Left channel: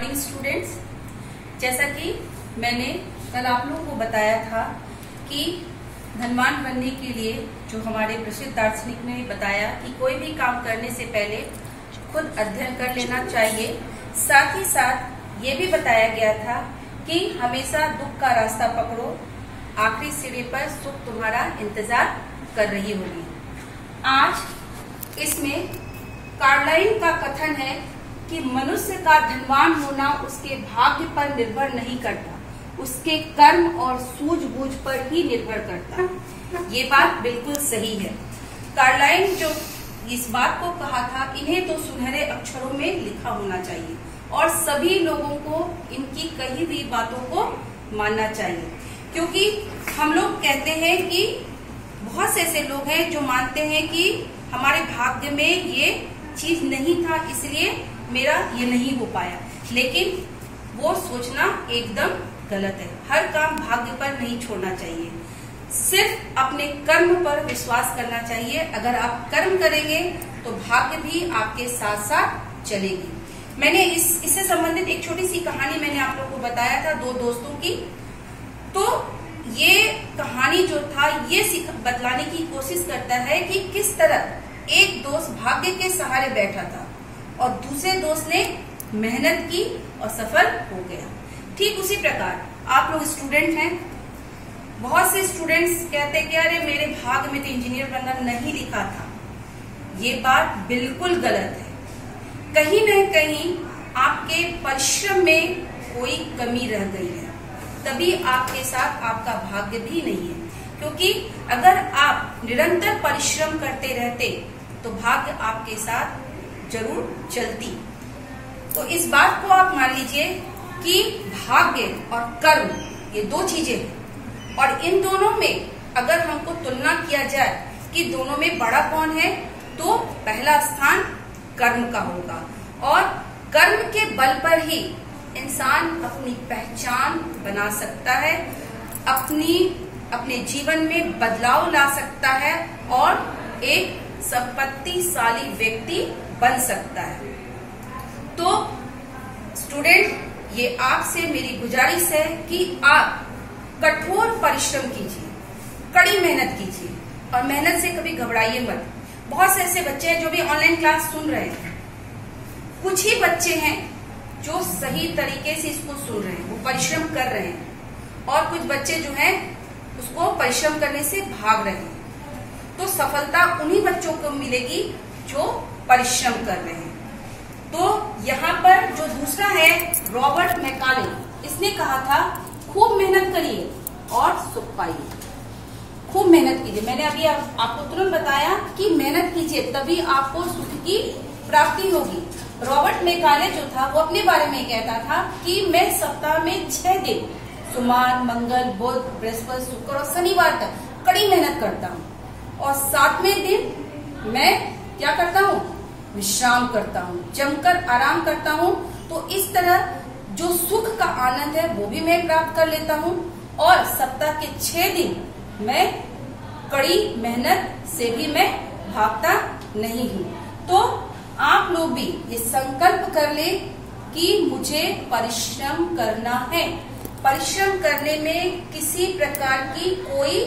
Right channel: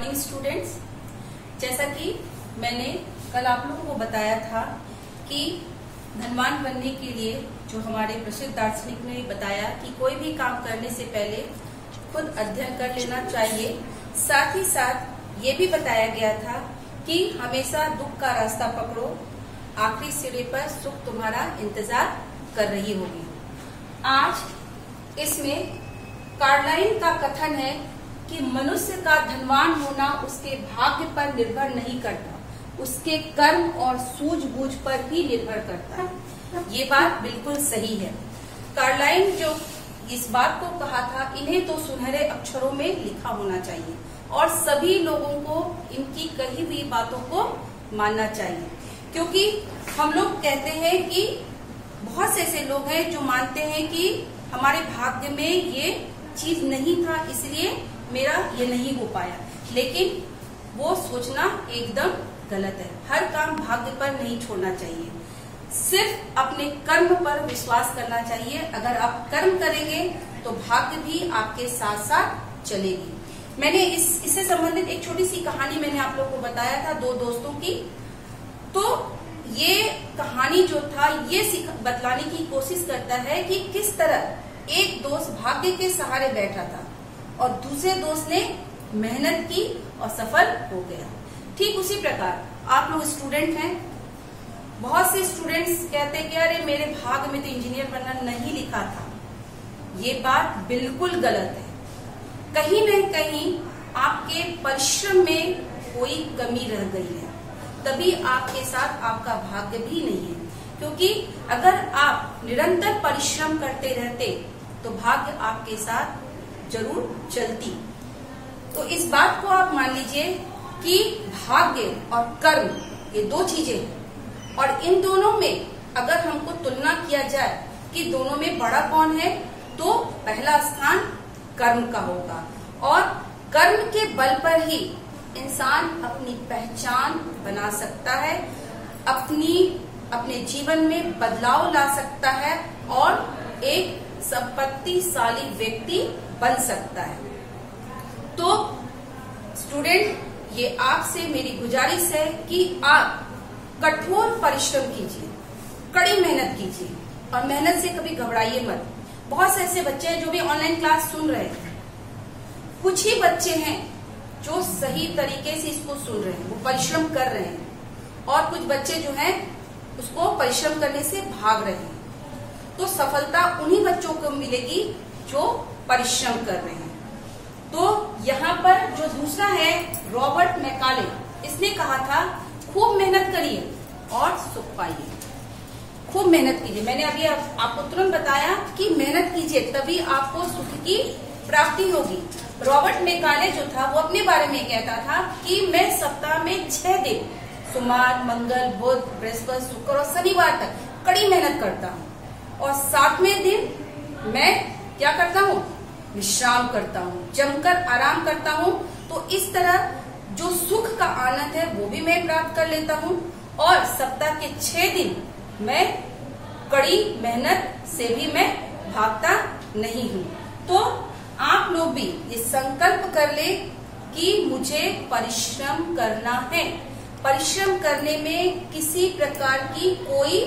Morning students, जैसा कि मैंने कल आप लोगों को बताया था कि धनवान बनने के लिए जो हमारे प्रसिद्ध दार्शनिक ने बताया कि कोई भी काम करने से पहले खुद अध्ययन कर लेना चाहिए। साथ ही साथ ये भी बताया गया था कि हमेशा दुख का रास्ता पकड़ो, आखिरी सीढ़ी पर सुख तुम्हारा इंतजार कर रही होगी। आज इसमें कार्लाइल का कथन है कि मनुष्य का धनवान होना उसके भाग्य पर निर्भर नहीं करता, उसके कर्म और सूझबूझ पर ही निर्भर करता है। ये बात बिल्कुल सही है। कार्लाइल जो इस बात को कहा था, इन्हें तो सुनहरे अक्षरों में लिखा होना चाहिए और सभी लोगों को इनकी कही हुई बातों को मानना चाहिए, क्योंकि हम लोग कहते हैं कि बहुत से ऐसे लोग हैं जो मानते हैं कि हमारे भाग्य में ये चीज नहीं था, इसलिए मेरा ये नहीं हो पाया। लेकिन वो सोचना एकदम गलत है। हर काम भाग्य पर नहीं छोड़ना चाहिए, सिर्फ अपने कर्म पर विश्वास करना चाहिए। अगर आप कर्म करेंगे तो भाग्य भी आपके साथ साथ चलेगी। मैंने इससे संबंधित एक छोटी सी कहानी मैंने आप लोगों को बताया था, दो दोस्तों की। तो ये कहानी जो था ये बतलाने की कोशिश करता है कि किस तरह एक दोस्त भाग्य के सहारे बैठा था और दूसरे दोस्त ने मेहनत की और सफल हो गया। ठीक उसी प्रकार आप लोग स्टूडेंट हैं, बहुत से स्टूडेंट्स कहते हैं कि अरे मेरे भाग्य में तो इंजीनियर बनना नहीं लिखा था। ये बात बिल्कुल गलत है। कहीं न कहीं आपके परिश्रम में कोई कमी रह गई है, तभी आपके साथ आपका भाग्य भी नहीं है। क्योंकि अगर आप निरंतर परिश्रम करते रहते तो भाग्य आपके साथ जरूर चलती। तो इस बात को आप मान लीजिए कि भाग्य और कर्म ये दो चीजें हैं, और इन दोनों में अगर हमको तुलना किया जाए कि दोनों में बड़ा कौन है, तो पहला स्थान कर्म का होगा। और कर्म के बल पर ही इंसान अपनी पहचान बना सकता है, अपने जीवन में बदलाव ला सकता है और एक संपत्तिशाली व्यक्ति बन सकता है। तो स्टूडेंट, ये आपसे मेरी गुजारिश है कि आप कठोर परिश्रम कीजिए, कड़ी मेहनत कीजिए और मेहनत से कभी घबराइए मत। बहुत से ऐसे बच्चे हैं जो भी ऑनलाइन क्लास सुन रहे हैं, कुछ ही बच्चे हैं जो सही तरीके से इसको सुन रहे हैं, वो परिश्रम कर रहे हैं, और कुछ बच्चे जो हैं उसको परिश्रम करने से भाग रहे हैं। तो सफलता उन्हीं बच्चों को मिलेगी जो परिश्रम कर रहे हैं। तो यहाँ पर जो दूसरा है रॉबर्ट मैकाले, इसने कहा था खूब मेहनत करिए और सुख पाइए। खूब मेहनत कीजिए। मैंने अभी आपको तुरंत बताया कि मेहनत कीजिए तभी आपको सुख की प्राप्ति होगी। रॉबर्ट मैकाले जो था वो अपने बारे में कहता था कि मैं सप्ताह में 6 दिन सोमवार, मंगल, बुध, बृहस्पति, शुक्र और शनिवार तक कड़ी मेहनत करता हूँ, और 7वें दिन मैं क्या करता हूँ, विश्राम करता हूँ, जमकर आराम करता हूँ। तो इस तरह जो सुख का आनंद है वो भी मैं प्राप्त कर लेता हूँ, और सप्ताह के 6 दिन मैं कड़ी मेहनत से भी मैं भागता नहीं हूँ। तो आप लोग भी ये संकल्प कर ले कि मुझे परिश्रम करना है। परिश्रम करने में किसी प्रकार की कोई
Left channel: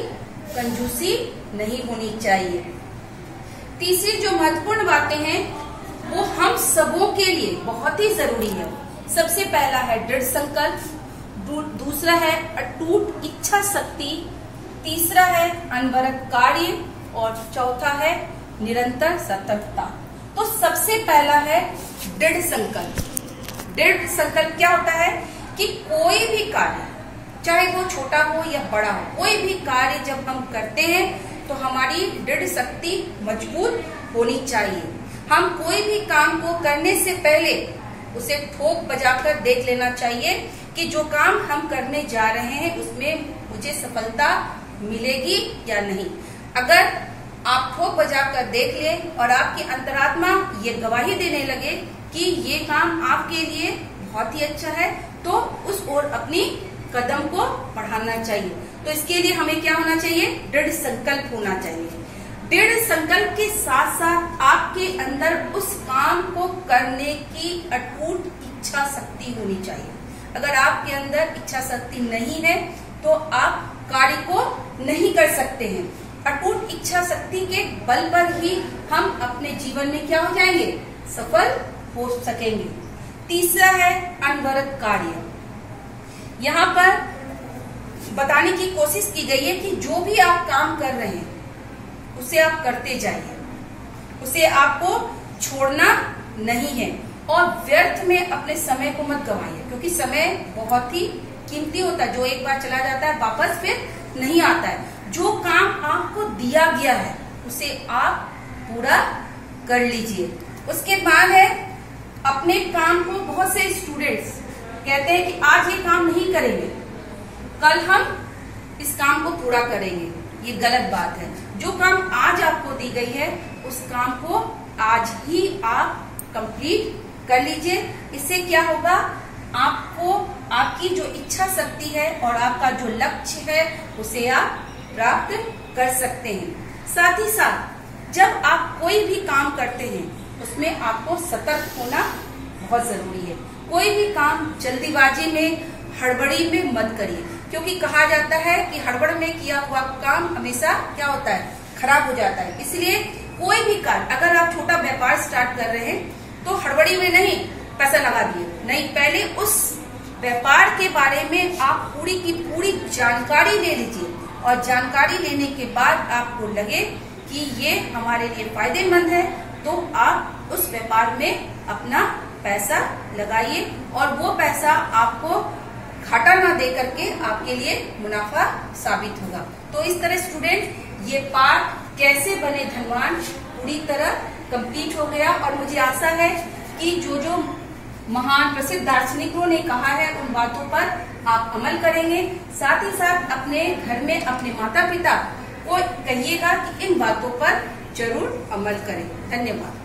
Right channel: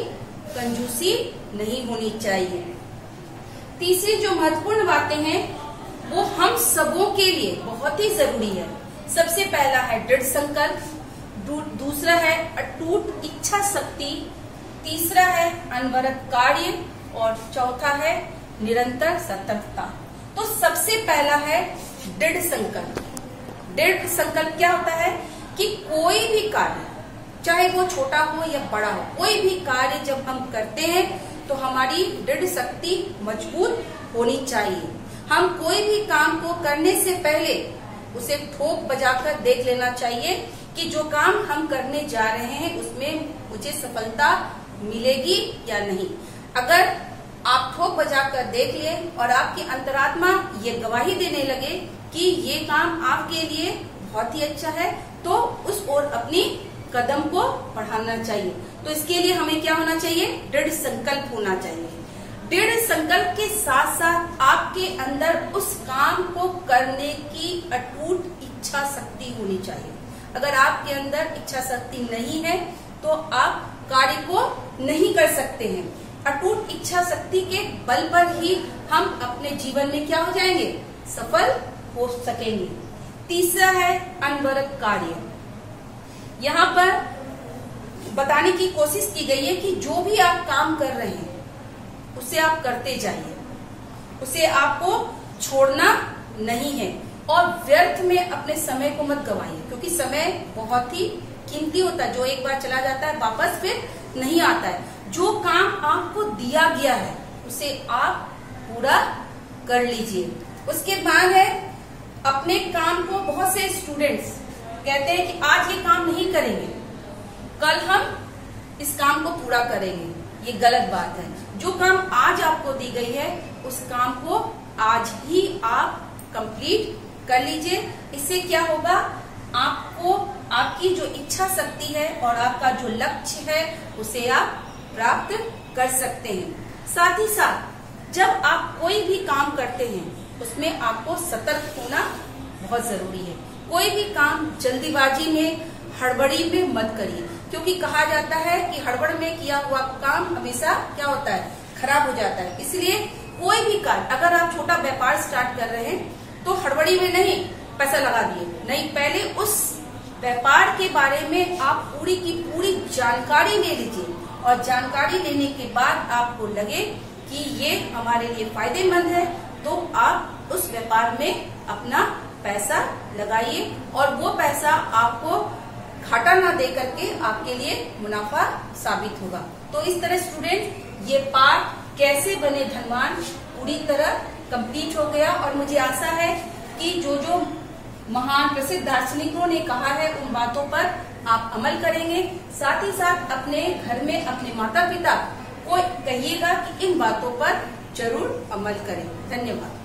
कंजूसी नहीं होनी चाहिए। तीसरी जो महत्वपूर्ण बातें हैं वो हम सबों के लिए बहुत ही जरूरी है। सबसे पहला है दृढ़ संकल्प, दूसरा है अटूट इच्छा शक्ति, तीसरा है अनवरत कार्य, और चौथा है निरंतर सतर्कता। तो सबसे पहला है दृढ़ संकल्प। दृढ़ संकल्प क्या होता है कि कोई भी कार्य, चाहे वो छोटा हो या बड़ा हो, कोई भी कार्य जब हम करते हैं तो हमारी दृढ़ शक्ति मजबूत होनी चाहिए। हम कोई भी काम को करने से पहले उसे ठोक बजाकर देख लेना चाहिए कि जो काम हम करने जा रहे हैं उसमें मुझे सफलता मिलेगी या नहीं। अगर आप ठोक बजाकर देख ले और आपकी अंतरात्मा ये गवाही देने लगे कि ये काम आपके लिए बहुत ही अच्छा है, तो उस ओर अपनी कदम को बढ़ाना चाहिए। तो इसके लिए हमें क्या होना चाहिए, दृढ़ संकल्प होना चाहिए। दृढ़ संकल्प के साथ साथ आपके अंदर उस काम को करने की अटूट इच्छा शक्ति होनी चाहिए। अगर आपके अंदर इच्छा शक्ति नहीं है तो आप कार्य को नहीं कर सकते हैं। अटूट इच्छा शक्ति के बल पर ही हम अपने जीवन में क्या हो जाएंगे, सफल हो सकेंगे। तीसरा है अनवरत कार्य। यहाँ पर बताने की कोशिश की गई है कि जो भी आप काम कर रहे हैं उसे आप करते जाइए, उसे आपको छोड़ना नहीं है और व्यर्थ में अपने समय को मत गवाइए, क्योंकि समय बहुत ही कीमती होता है, जो एक बार चला जाता है वापस फिर नहीं आता है। जो काम आपको दिया गया है उसे आप पूरा कर लीजिए। उसके बाद है अपने काम को, बहुत से स्टूडेंट्स कहते हैं कि आज ये काम नहीं करेंगे, कल हम इस काम को पूरा करेंगे। ये गलत बात है। जो काम आज आपको दी गई है उस काम को आज ही आप कंप्लीट कर लीजिए। इससे क्या होगा, आपको आपकी जो इच्छा शक्ति है और आपका जो लक्ष्य है उसे आप प्राप्त कर सकते हैं। साथ ही साथ जब आप कोई भी काम करते हैं उसमें आपको सतर्क होना बहुत जरूरी है। कोई भी काम जल्दीबाजी में, हड़बड़ी में मत करिए, क्योंकि कहा जाता है कि हड़बड़ में किया हुआ काम हमेशा क्या होता है, खराब हो जाता है। इसलिए कोई भी कार्य, अगर आप छोटा व्यापार स्टार्ट कर रहे हैं तो हड़बड़ी में नहीं पैसा लगा दिए, नहीं, पहले उस व्यापार के बारे में आप पूरी की पूरी जानकारी ले लीजिए और जानकारी लेने के बाद आपको लगे कि ये हमारे लिए फायदेमंद है तो आप उस व्यापार में अपना पैसा लगाइए और वो पैसा आपको घाटा ना दे करके आपके लिए मुनाफा साबित होगा। तो इस तरह स्टूडेंट ये पाठ कैसे बने धनवान पूरी तरह कंप्लीट हो गया और मुझे आशा है कि जो जो महान प्रसिद्ध दार्शनिकों ने कहा है उन बातों पर आप अमल करेंगे। साथ ही साथ अपने घर में अपने माता पिता को कहिएगा कि इन बातों पर जरूर अमल करें। धन्यवाद।